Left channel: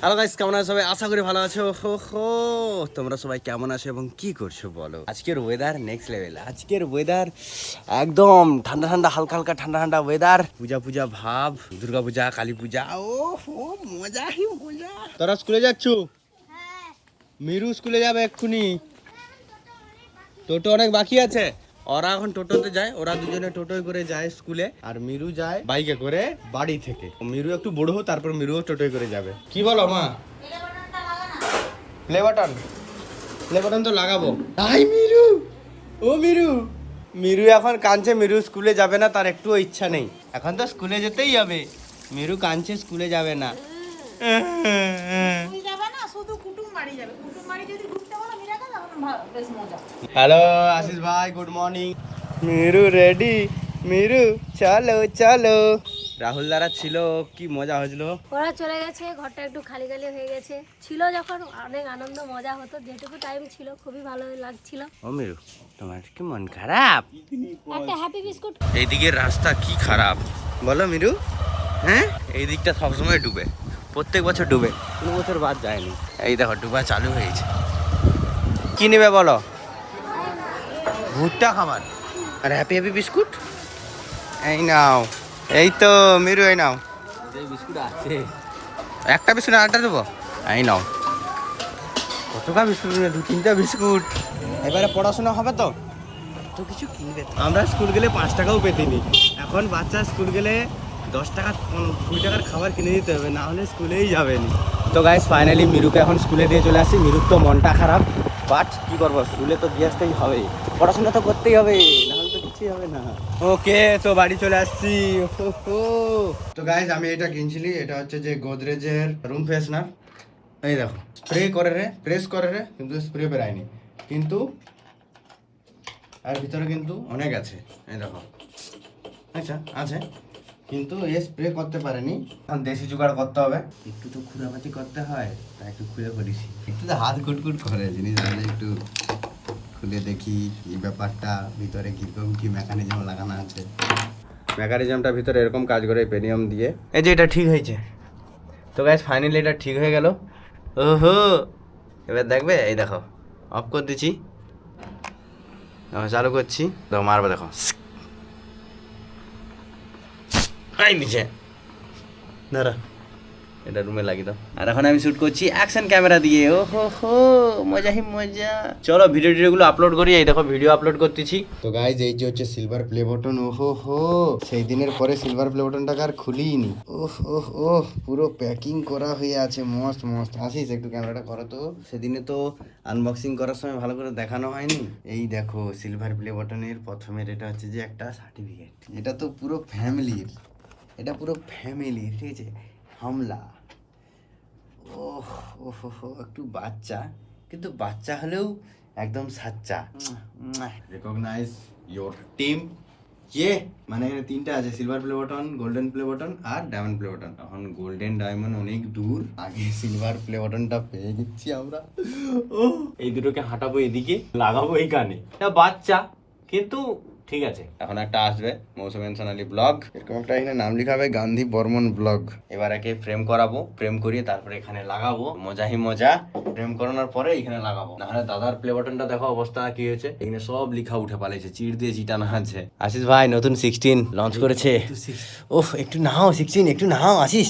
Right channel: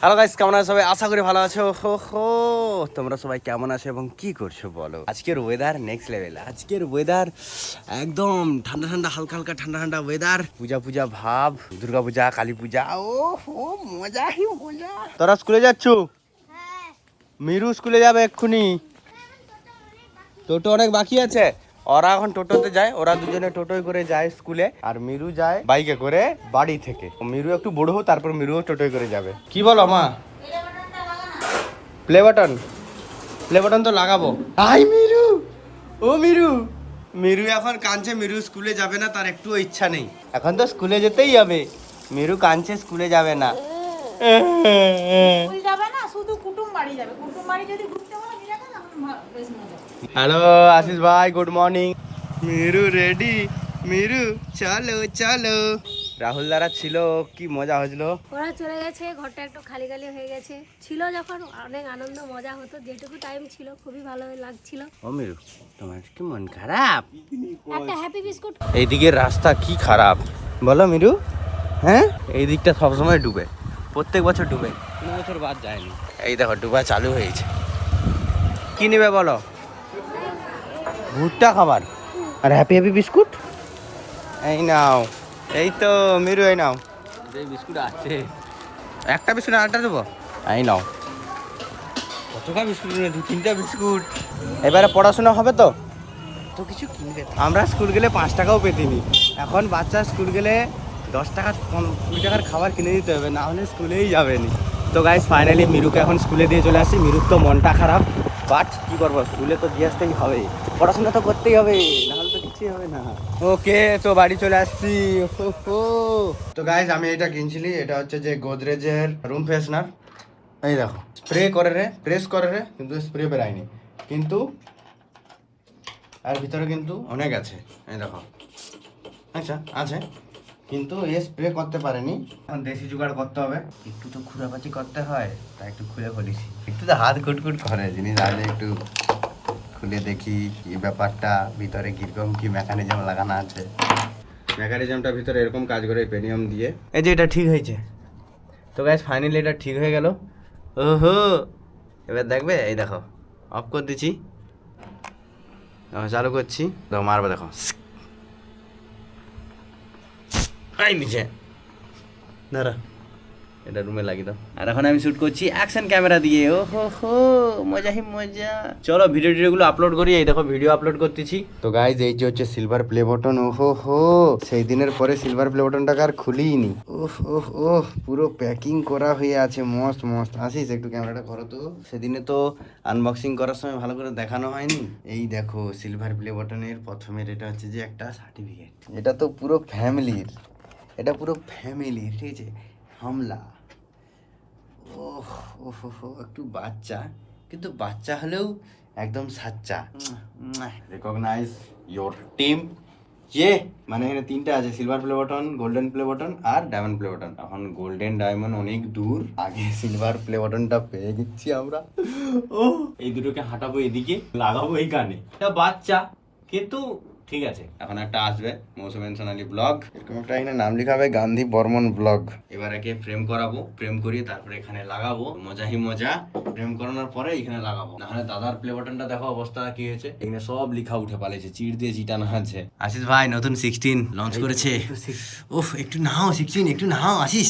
Hello guys কেমন আছো সবাই? আশা করি ভালো আছো। হো হো। তোমরা সবাই কেমন আছো এবং কি করছ বলো? আজকের ওয়েদার নেক্সট লেভেল আজকের ওয়েদার একদম ঠান্ডা ঠান্ডা হালকা হালকা ঠান্ডা ঠান্ডা ওয়েদার পূজা পূজা ভাব দুর্গা পূজা কালী পূজা। ও হো মজা হি মজা। তোরা স্কুলে যাচ্ছ? মিরু স্কুলে যাবে এক্ষুনি। তোর তো অনেক বাকি আছে? ওরা এখন টোটোতে যায় ওরা দুজনে টোটোয় করে যায় স্কুলে। আর মিরু যায় বাইকে করে বাড়ি থেকে। মিরু একটু বড় হোক তারপর মিরুও টোটোয় করে যাবে। কি বলো মা? প্লে বাটন প্লে বাটন তো লাগাবো। আই মিরু! ও মিরু! মিরু এখন কাঁদছে মিরু স্কুলে যাবে না তার একটুও ইচ্ছা নেই। এখন তো স্কুলে যেতেই হবে। মিরু কাঁদছে স্কুলে যাবে না। স্কুল যাবে না শুধু কুটুম বাড়ি যাবে। কুটুম বাড়ি যদি ঘুরতে বলো মিরাকে তখন ভা- বেশ মজা হ্যালো আশিস ভাই good morning Miru ready Miru চলো চলো রাহুল দ্বারা ছিল কি মজা হয়েছিল ওরা চলে গেছে ঘরটা একটু খালি খালি হয়ে গেছে। ছিল যখন অনেক আনন্দ মজা হতো যেটুকু টাইম ছিল খুবই ভালো লাগছিল। ও মিরু তোমার কি মন খারাপ? একটা হ্যাপি বিস্কুট এইদিকে রাস্তা কি খারাপ? বলো মিরু হ্যাঁ? এই দিকটা সবসময় ডুবে প্রত্যেক বছর ডুবে। কোনো বছর বাদ যায়নি। এই দেখো ডুবা চালু হয়েছে কি নেবে বলো? ভুট্টা খাবার। আর হ্যাপি হ্যাপি বিস্কুট? এই নাও এই তো মিরু এই নাও। বিস্কুট আছে। একটা বিস্কুট আরেকটা দেবো? এই নাও। কতটা বিস্কুট দু তিনটা বিস্কুট। এবারে পড়াশোনা হবে তো? তো কিছু কিনবে। আমরা স্কুল গেলে পাঁচ টাকাও পেতিনি এখন বাচ্চা স্কুল গেলে দশ টাকা কুড়ি টাকার খাবার কিনে দিতে হবে না হলে স্কুলেই যাবেনি তো গাইস ফাইনালি মিরুকে এখন স্কুলে দিয়ে চলে আসি। মিরুর তো মনটা খারাপ। বাট কি করব স্কুলে তো দিয়ে আসতেই হবে। পড়াশোনা তো করতেই হবে নাহলে তো কিছুই হবে না। ওকে তো বাড়ি চলে আসছি। হো, হো। তো গাইস আমি এটা কিনছিলি এটা হচ্ছে যে গোদরেজের রুম ফ্রেশনার এই দেখো স্প্রে করে রে প্রেস করে রে কিন্তু স্প্রে বেরায়নি। কিন্তু আর ভিতরে কিন্তু অনেক আছে এই দেখো। আচ্ছা আছে। কিন্তু এ স্প্রে করতে পারেনি। এখন দেশি জোগাড় করতে হবে। একটু তো খুঁড়াপাতি করতে হয় তাই একটু খুলে বলিছি একটু তো হাত কুটকুট করে জিনিস আগে একটু খুলে দেখি কি ব্যাপারটা ভিতরে কীরকম কি মেকানিজম লাগানো আছে। মেকানিজমটা ভিতরে এরকম কাজ করে পেনিয়াম দিয়ে। এই যে এটা ঠিক হয়েছে। তো গ্যাস ফাইনালি এটা ঠিক হয়ে গেল। ওহো! এবার দেখবে এই দেখো অফ করে দিচ্ছি। চালু করছি। দেখো মারবে দেখো। আই নিচে দাঁড়া। এটা রুমে লাগিয়ে দাও। আর এখন আমি শুট করছি অ্যাকশন ক্যামেরা দিয়ে। ও হো হো মজা হি মজা। চলো ভিডিও টিডিওগুলো আপলোড করি। এই দেখো ভিডিও আপলোড করতেছি। তো গাইজ এই যে হচ্ছে সিলভার প্লে বাটন ও হো। হো সেই দিনের পরে সিলভার প্লে বাটনটাকে আর খুলিনি। ওহ ওহ ওহ পুরো প্যাকিং করা হয়ে আছে। মস্ত মস্ত। আসিস একটু ক্যামেরাটা করো তো। সেদিনে তো আনবক্সিং করার সময় ভালো করে দেখানো হয়নি। এই দেখো সিলভার প্লে বাটনের প্রথমের এটা হচ্ছে যে একটা সার্টিফিকেট এটা তো পুরো ফ্যামিলির এটা পুরো ফ্যামিলি ঠিক আছে? হামলা। ওহ ওহ, একটু বাচ্চা। কিন্তু বাচ্চা হলেও একদম সাচ্চা। রেকগনাইজ ইয়োর টিম যে মানে এখানে তিনটা আছে silver play button golden play button আর ডায়মন্ড প্লে বটন এখন গোল্ডেন ডায়মন্ড অনেক দূর। আগে সিলভার প্লে বটনটা পেয়ে গেছি আমরা। ও এই দুটোকে হাঁটাবো এদিকে লাগাবো এইখানে এটা বাচ্চা কিন্তু ঠিক আছে। এখন একটা আসবে মৌসুমেন সোনালি ব্লগ। এরকম একটা এখানে নাম লেখা হবে গান্ধী বর্মন ব্লগ। এবার একে ফ্রেম করাবো ফ্রেম করিয়ে তারপরে এখানে লাগাবো। মজা হি মজা ফ্রেম করানোর পরে এখানে লাগাবো। নাহলে দাদার প্লে বাটনটা দেখো অবস্থা কি হয়েছে। এখানে সব লিখা উঠে পালাইছে চিড় দিয়ে চিটানো আছে আশিস ভাই নতুন সিক্সটিন লঞ্চ করেছে। ওফ একটু নাও সিক্সটিন একটু নাও আশিস।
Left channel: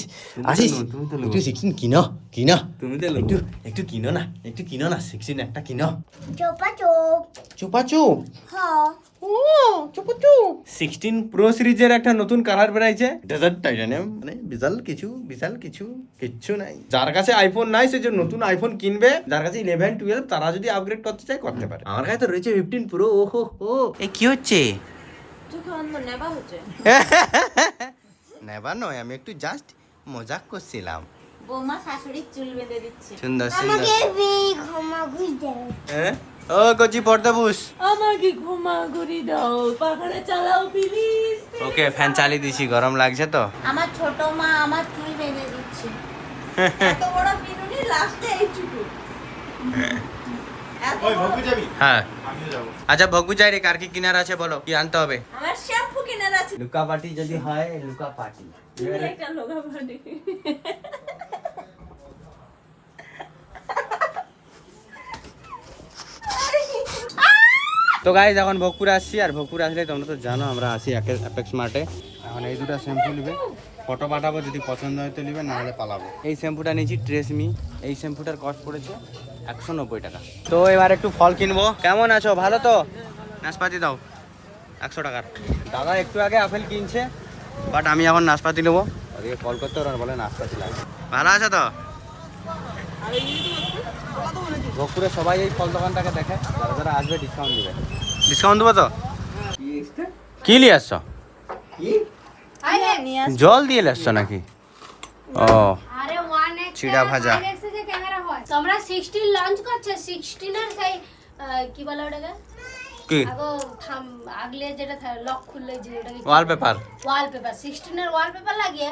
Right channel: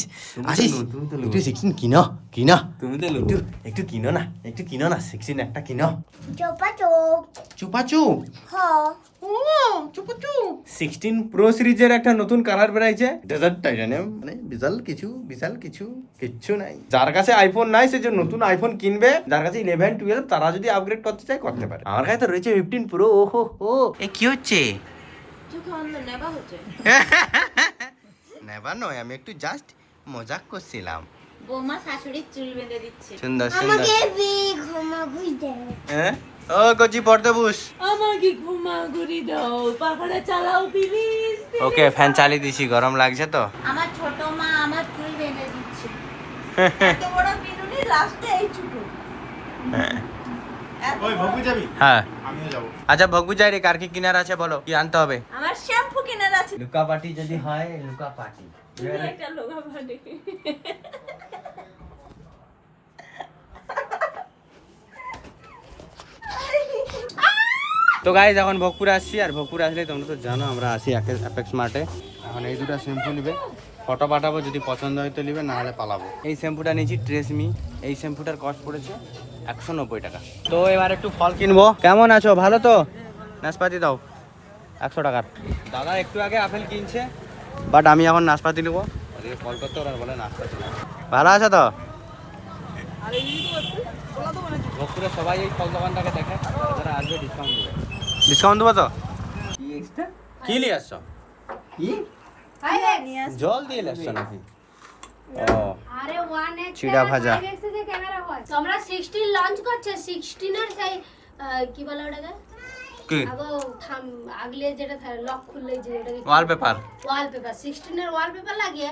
আশিস একটু সিক্সটিন কিনো। কিনো? তুমি তো একটু একটু কিনো না একটু কিনো না সিক্সটিন একটা কিনো। চোপা চোপ। চুপা চুপ? হ। সিক্সটিন প্রো সিরিজের একটা নতুন কালার বেরাইছে। ডেজার্ট টাইটানিয়াম মানে বিশাল কিছু বিশাল কিছু কিচ্ছু নাই। যার কাছে আইফোন নাই সে যে নতুন আইফোন কিনবে যার কাছে ইলেভেন টুয়েলভ তারা যদি আপগ্রেড করতে চায় করতে পারে। আমার কাছে তো রয়েছে ফিফটিন প্রো ও হো। হো এ কি হচ্ছে? নেবা নেবার নয় আমি একটু জাস্ট মজাক করছিলাম। বৌমা শাশুড়ির চুল বেঁধে দিচ্ছে। সুন্দর সুন্দর আমাকে বি ঘুমা ঘুরতে হ্যাঁ? ও কচি পর্দা বুস আমাকে ঘুমা ঘুরি দাও পাখাটা চালাও প্লিজ ওকে ফ্যান চালিয়ে দিছি গরম লাগছে তো? আমার ছোট মা আমার চুল বেঁধে দিচ্ছে। এত বড় বিনুনি লাস্টে এই চুটু। হ্যাঁ। আচ্ছা ভগু যাই রে কার কি কিনার আছে বলো কি আনতে হবে? আমার শ্যাম্পু লুকা পার্টি যদি হয় লুকা পার্টি। একটা লোগা ভাড়ি তো গাইজ এখন ভোগপুরে আসছি আর ভোগপুরে আসলে তোমরা তো জানো আমরা আসি অ্যাপেক্স মার্টে এখন এই দুটো শ্যাম্পু নিবে। ফটো পাঠাবো যদি পছন্দ হয় তো নিবে না হলে পালাবো। এই শ্যাম্পুটা নিয়েছি ট্রেসমি এই শ্যাম্পুটার কস্ট পড়েছে একশো নব্বই টাকা। তো এবার একটু ফল কিনবো। কেমন আছো? ভালো তো? নাশপাতি দাও। একশো টাকার। দাদা একটু আগে আপেল কিনছে বাট আমি এখন নাশপাতি নেব। কল করতে ওরা বলে নাশপাতি লাগবে ভালো আছো তো? ভোগপুরে সবাই এই ফল দোকানটাকে দেখে যারা যারা আসবে ডিসকাউন্ট দেবে। ডিসকাউন্ট দেবো তো? কি নিয়ে আসছো? জল দিয়ে আসছো নাকি? ও আরে ওয়ান চিড়া ভাজা। ক্যামেরা হয়। আমরা সিক্সটিন লঞ্চ করছে সিক্সটিনের সেই কি বলে ওটাকে? কি? থাম আগলে যেটা লক খুললে যে ওটাকে ওয়ালপেপার লাগিয়ে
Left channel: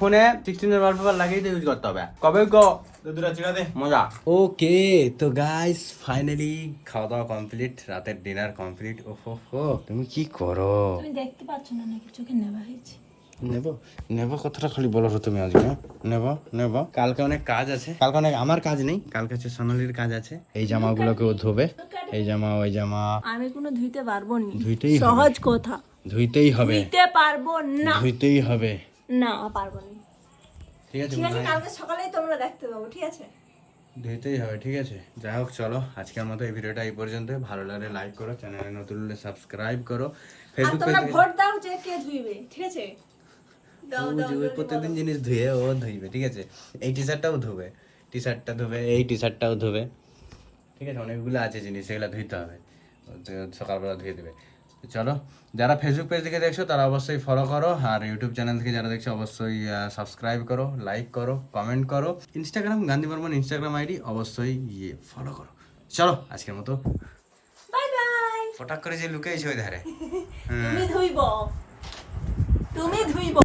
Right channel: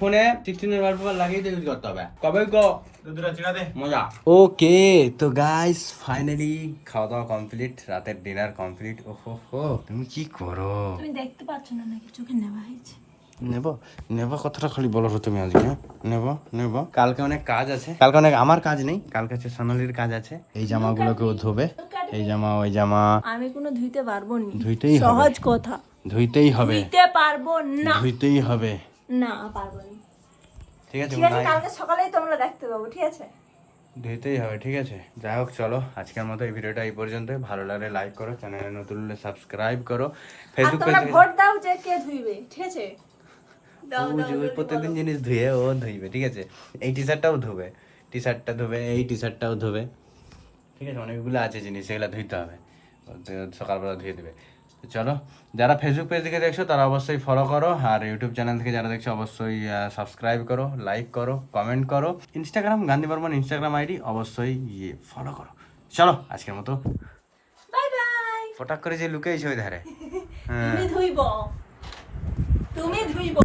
ফোনে ওয়ালপেপার লাগিয়ে ইউজ করতে হবে। কবে গো? মজা। ওকে তো গাইস ফাইনালি খাওয়া দাওয়া কমপ্লিট রাতের ডিনার কমপ্লিট ওহো হো তুমি কি করো? তুমি দেখতে পাচ্ছ না নাকি? চোখে নেওয়া হয়েছে। নেব নেব কথাটা খালি বলো তুমি আজকে হ্যাঁ? নেব নেব। কালকে অনেক কাজ আছে। কালকে অনেক আমার কাজ নেই। কালকে হচ্ছে সোনালির কাজ আছে। এই জামাগুলোকে ও ধোবে। এই জামা ওই জামা। আমি কোনো ধুইতে পারব না। ধুইতেই সহজ কথা। ধুইতেই হবে। ধুইতে পারব না। ধুইতেই হবে। না পারব না। ঠিক আছে ঠিক আছে ভাই কালকে সকালেই তোমরা দেখতে পাবো ঠিক আছে? ধুইতেই হবে ঠিক আছে। যাই হোক চলো আজকের মতো এই ভিডিওটা এই পর্যন্ত ভালো লাগলে লাইক করো চ্যানেলে নতুন হলে সাবস্ক্রাইব করো। ফেসবুক পেজ ভোট দাও যে কে ধুইবে ঠিক আছে? প্রত্যেকদিন জিনিস ধুয়ে ও ধুইবে ঠিক আছে? এই টি শার্টটাও ধুবে টি শার্টটা ধুবে এই টি শার্টটাও ধুবে। ঠিক আছে? অনেকগুলো আছে জিনিস সেগুলো ধুইতে হবে। সকালবেলা ধুয়ে দেবে। চলো যারা ফেসবুক পেজ থেকে দেখছ তারা অবশ্যই ফলো করো। আর ইউটিউব চ্যানেল থেকে যারা দেখছ অবশ্যই সাবস্ক্রাইব করো লাইক করো কমেন্ট করো। Instagram Gandhi Barman Instagram ID অবশ্যই ইয়ে ফলো করো। চলো আজকের মতো। বাই বাই ফটাক করে যে লুকেইছে ওই ধারে। হ্যাঁ তুমি ধুইব। তুমি ধুইব।